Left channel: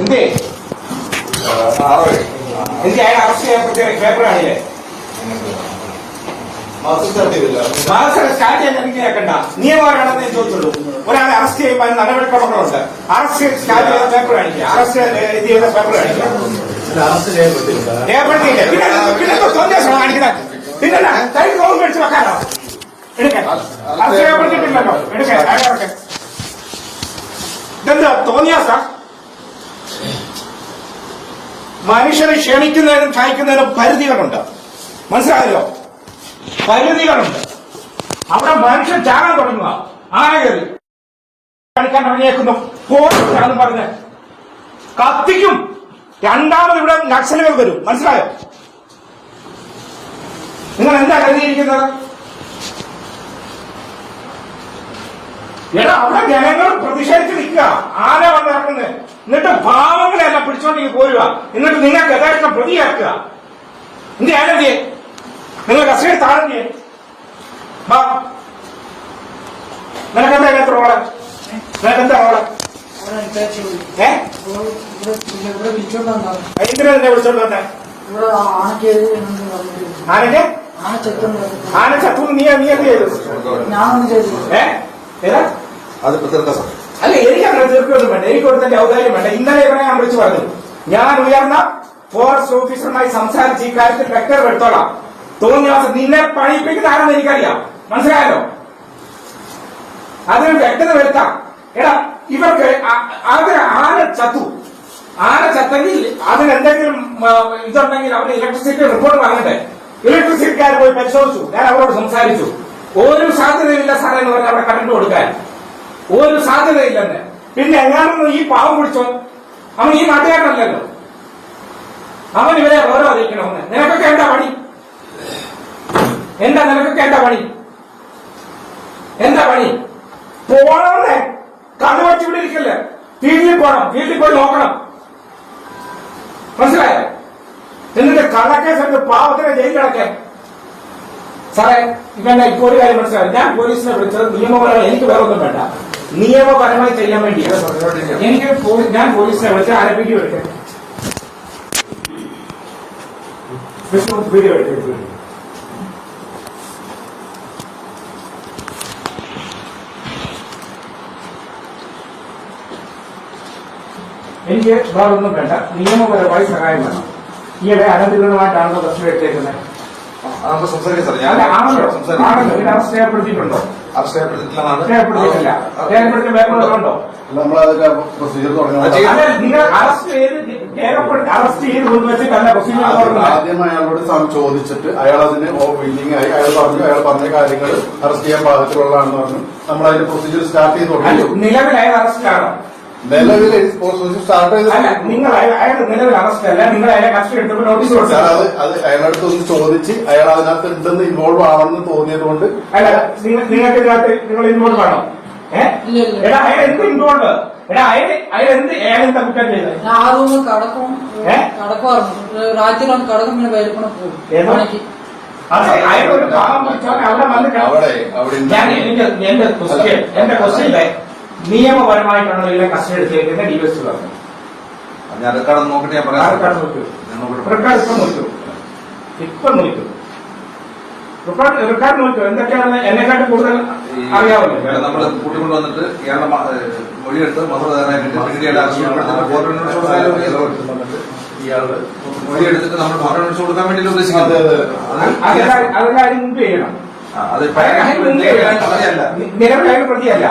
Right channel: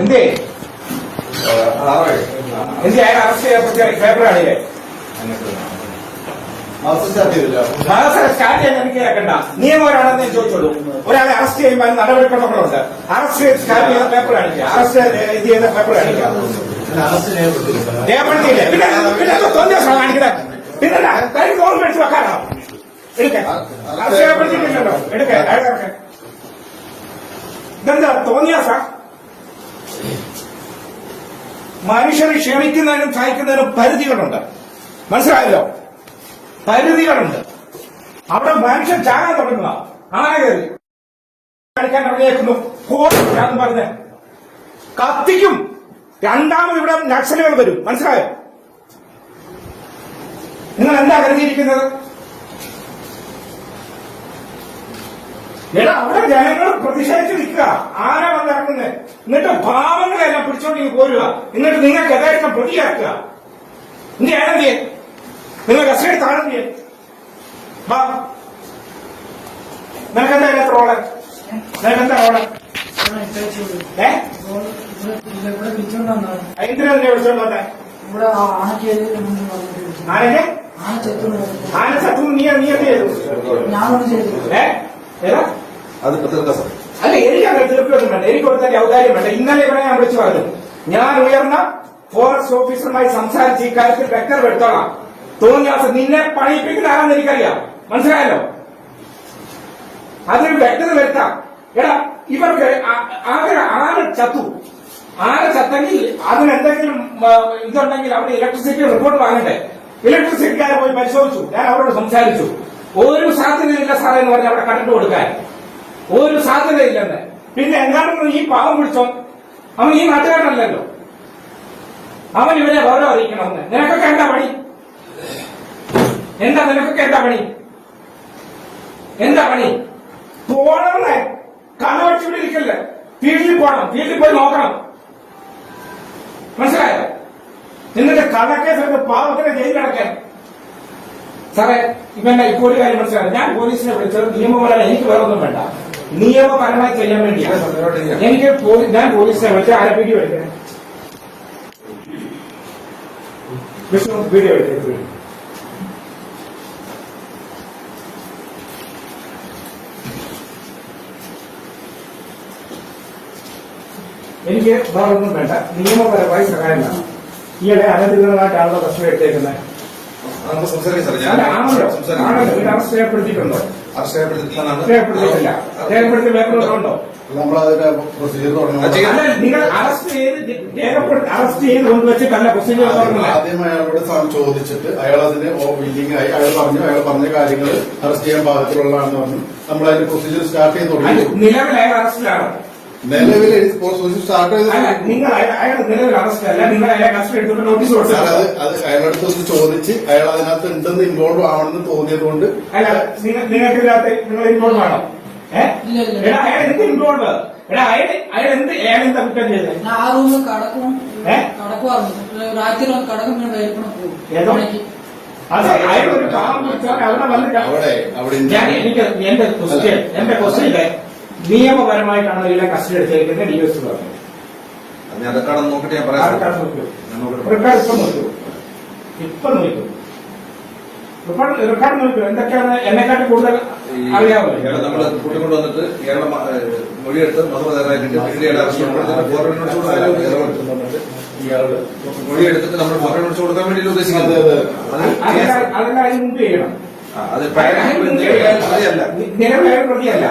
എന്തേ? എന്തേ അയാൾ അറസ്റ്റ് ചെയ്യപ്പെട്ട പേപ്പർ കാണില്ലേ? സ്റ്റാർട്ട് ചെയ്യാൻ കേൾക്കണ്ട നിയമമാണെന്ന് ഞാൻ ചോദിച്ചുള്ളൂ ഒരാളെ അറസ്റ്റ് ചെയ്യുമ്പോൾ നടപടിക്രമങ്ങളുണ്ട് അറസ്റ്റ് സ്റ്റാർട്ട് ചെയ്ത പേപ്പർ കാണിക്കുക. അറസ്റ്റ് ചെയ്ത പേപ്പർ കാണിക്കുക. രേഖപ്പെടുത്തിയില്ലേ പിന്നെ പിന്നെ എന്തോ സന്ദേശമാണ് കാണിക്കുന്നത് പിന്നെ കഴിഞ്ഞ ഫോൺ മേടിച്ച് വെക്കാനോ? എടുക്കേ. അറസ്റ്റ് രേഖപ്പെടുത്തിയിട്ടില്ലല്ലോ എടുക്കേ. ഇതെന്താ? തോന്നിയാ സാർ മനുഷ്യരെ ക്ഷണിക്കുന്നതിനും സഹായിക്കുന്നതിനും പരിധികളുണ്ട്. മനസ്സിലായല്ലോ? പരിധികളുണ്ട്. അവിടെ മനുഷ്യൻ ചാകാൻ തുടങ്ങുക. ആന കളിക്കാൻ ഇറങ്ങിയേക്കുന്നു പോലും പറഞ്ഞ്. കത്തിക്കും. രണ്ടാമത് ഇവിടെ നക്സലുകൾ വരും. മനസ്സിലായോ? നിങ്ങൾ എന്താ കരുതിയിരിക്കുന്നത്? എടാ അവിടെ ജനങ്ങൾ പ്രതിഷേധിച്ച് നിൽക്കുക. ആന വന്നിറങ്ങുന്നത് എന്നിട്ട് പാവങ്ങളെ എല്ലാം പിടിച്ചോണ്ടെങ്കിൽ പോരുക. എന്നിട്ട് നിങ്ങൾക്ക് യഥേഷ്ടം പ്രതിയാക്കുക. നിന്റെ ആനന്ദി നിങ്ങൾ കസ്റ്റഡി താഴെ വാ. നിനക്കെന്താ ഇല്ലാത്ത റോൾ നിനക്കെന്താ റോൾ എന്തിനാ വിളിച്ചോണ്ട് ആനക്ക് ആന ചത്തു നീ? നീ എന്ത് ചെയ്തു ഞാൻ ഏതാ? അതിപ്പോ തീർക്കാം സാർ അല്ല എനിക്ക് അങ്ങനെ തീർക്കുകയൊന്നും വേണ്ട. എനിക്ക് കൊടുത്തതിന്റെ ഔദാര്യം വേണ്ട. ഇന്നലെ ഇവിടെ ഞാൻ വിളിച്ചു പറഞ്ഞു ഞാൻ ഉയർന്ന ഫോറസ്റ്റ് ഓഫീസറുമായി സംസാരിച്ച് ഈ കാര്യത്തിൽ വ്യക്തത എടുത്തോളാം. തോന്നിയ ദിവസം നിന്നെ പണിപ്പിക്കുന്ന ആരാന്ന് എനിക്കറിയാം. മനസ്സിലായല്ലോ? അതിന് വ്യക്തത വരുത്താം. എടാ ഇവർക്ക് ആ- അതിന് ആന ചത്തു? ആന ചത്തെങ്കിൽ അതിനെന്തെങ്കിലും ഇതുണ്ടെങ്കിൽ അവർ ഇലക്ട്രിസിറ്റി റിപ്പോർട്ട് വാങ്ങണ്ടേ ഇലക്ട്രിസിറ്റിക്കാരെ പോയി പരിശോധിച്ചു. ഞാൻ അവരോട് സംസാരിച്ചു. ഒരു സാധ്യതയില്ല സാറേ എന്ന് പറഞ്ഞ് അവിടെ കറണ്ട് കൊടുക്കാൻ. ഒരു സാധ്യതയില്ലെന്ന്. പിന്നെ എങ്ങാനും ഈ പാവം പിടിച്ചോ അവൻ ഈ നാട്ടുകാരനല്ലല്ലോ. അവൻ ഇവരെ ഗൗരവം അറിയിക്കണമെന്ന് നിനക്കൊക്കെ എന്താ പണി? എന്താ നിനക്കൊക്കെ എന്താ പണി? എന്താ പണി? പോണമെന്നേ കണ്ണു വെച്ച് ഇവിടെ ഇരിക്കല്ലേ. ഫീൽഡിൽ പോകണം ഫീൽഡിൽ പോയി നോക്കണം. മനസ്സിലായോ? എന്നിട്ട് കള്ളക്കേസ് പാവത്തിനെ ജയിൽ കിടക്കാൻ സാറേ ഇവന്റെ ഇപ്പോൾ ഒരു കാര്യം മനസ്സിലായി? ഞാൻ പോലീസിനെ വിളിച്ചത് നിയമപരമായി എനിക്ക് വേറൊന്നും വേണ്ട. നിയമപരമായി ചെയ്യാൻ വേണ്ടിയാണ് എനിക്ക് ഞാൻ പോലീസിനെ വിളിച്ച് ആരെ വീഡിയോ എടുക്കരുത് വീഡിയോ എടുക്കരുത് എനിക്ക് വേറൊന്നും വേണ്ട. നിയമപരമായി സഹായം വേണം. ഈയിടെ അനധികൃതമായിട്ടാണല്ലോ പ്രശ്നം എടുത്തേക്കുന്നത് അറസ്റ്റ് നമ്മളതിന്റെ പ്രൊസീജിയർ അല്ല നിങ്ങൾ അറസ്റ്റ് ചെയ്ത് അറസ്റ്റ് ചെയ്ത് കൊണ്ടുവച്ചിട്ടല്ല പ്രൊസീജിയർ തുറന്നത് ആദ്യം അയാളോട് സാർ ചോദിച്ചിട്ട് അയാൾ അതിന് മീറ്റിംഗ് ആയി. അയാൾ പറഞ്ഞു അയാൾ പറഞ്ഞ കാര്യങ്ങൾ അറസ്റ്റ് ചെയ്യാൻ പാകത്തിലുള്ളതാണെന്ന് പറഞ്ഞു. നമ്മൾ അതിന്റെ പ്രൊസീജിയർ സ്റ്റാർട്ട് ചെയ്ത് തുടങ്ങി. നിലവിൽ അയാൾ അറസ്റ്റിലാണോ നിലവിൽ സ്റ്റാർട്ട് അല്ല നിങ്ങൾ അയാൾ- അയാളുടെ നിലവിൽ അറസ്റ്റിലല്ല നിങ്ങൾ അയാളെ കസ്റ്റഡി എടുത്തപ്പോൾ നോട്ടീസ് സാർ അത് കൊടുത്തത് അത് അയാളടുത്ത് ഒന്ന് ചോദിച്ച് അയാൾ അതിനകത്ത് എന്തെന്ന് ഇൻവോൾവ് ആവണമെന്ന് തോന്നിയത് കൊണ്ട് അല്ല നിങ്ങൾ നിങ്ങൾക്ക് ഇതിനകത്ത് നിങ്ങൾ ഇൻവോൾവ് ആണോ ഏഹ് ഇല്ല, ഇല്ല. എടാ അയാൾ എന്ത് ഇൻവോൾവ് എടാ അയാൾ അയാൾ എന്ത് ഏതെന്താ കുറ്റം ചെയ്തത് ഞാൻ ആ റൂമിൽ കടക്കും ഏ? കടക്കുമായിരുന്നു രാത്രിയിലോട്ട് കടക്കും പിന്നെ വേൽക്കണം പോകും ഏതോ? പണിക്ക്. അതെ അയാൾ ഒരു പാവം പിടിച്ചവൻ അവിടെ വന്ന് അവിടെ അവിടെ ഞാൻ എനിക്ക് എന്റെ ക്വസ്റ്റ്യൻ എന്റെ ക്വസ്റ്റ്യനിലെ നിയമപരമായിട്ടാണ് ഇവരുടെ കസ്റ്റഡി എടുത്തേക്കുന്നത് ഡിവൈസ് പറഞ്ഞു നോക്കിട്ട് ഞാൻ നോക്കൂ ഞാൻ നോക്കട്ടെ. റെക്കോർഡ് ഇപ്പം നോക്കൂ ഇപ്പം നോക്കൂ റെക്കോർഡ് റെക്കോർഡ് നോക്കൂ എന്തൊക്കെയാണ് എന്നെക്കാട്ടും കൂടുതൽ അറിയാമല്ലോ കൂട്ടിക്കൊണ്ട് വന്നിട്ട് ഇയാളുടെ മൊഴിയെടുത്ത് മസറ മൊഴിയെടുത്തിട്ട് നമ്മൾ കൊടുക്കാൻ വേണ്ടി ഉദ്ദേശിക്കുന്നത്. അതെല്ലാം അതിന് മുമ്പ് ചെയ്യണം. അത് നിലവിൽ അയാൾ പ്രതിയല്ല.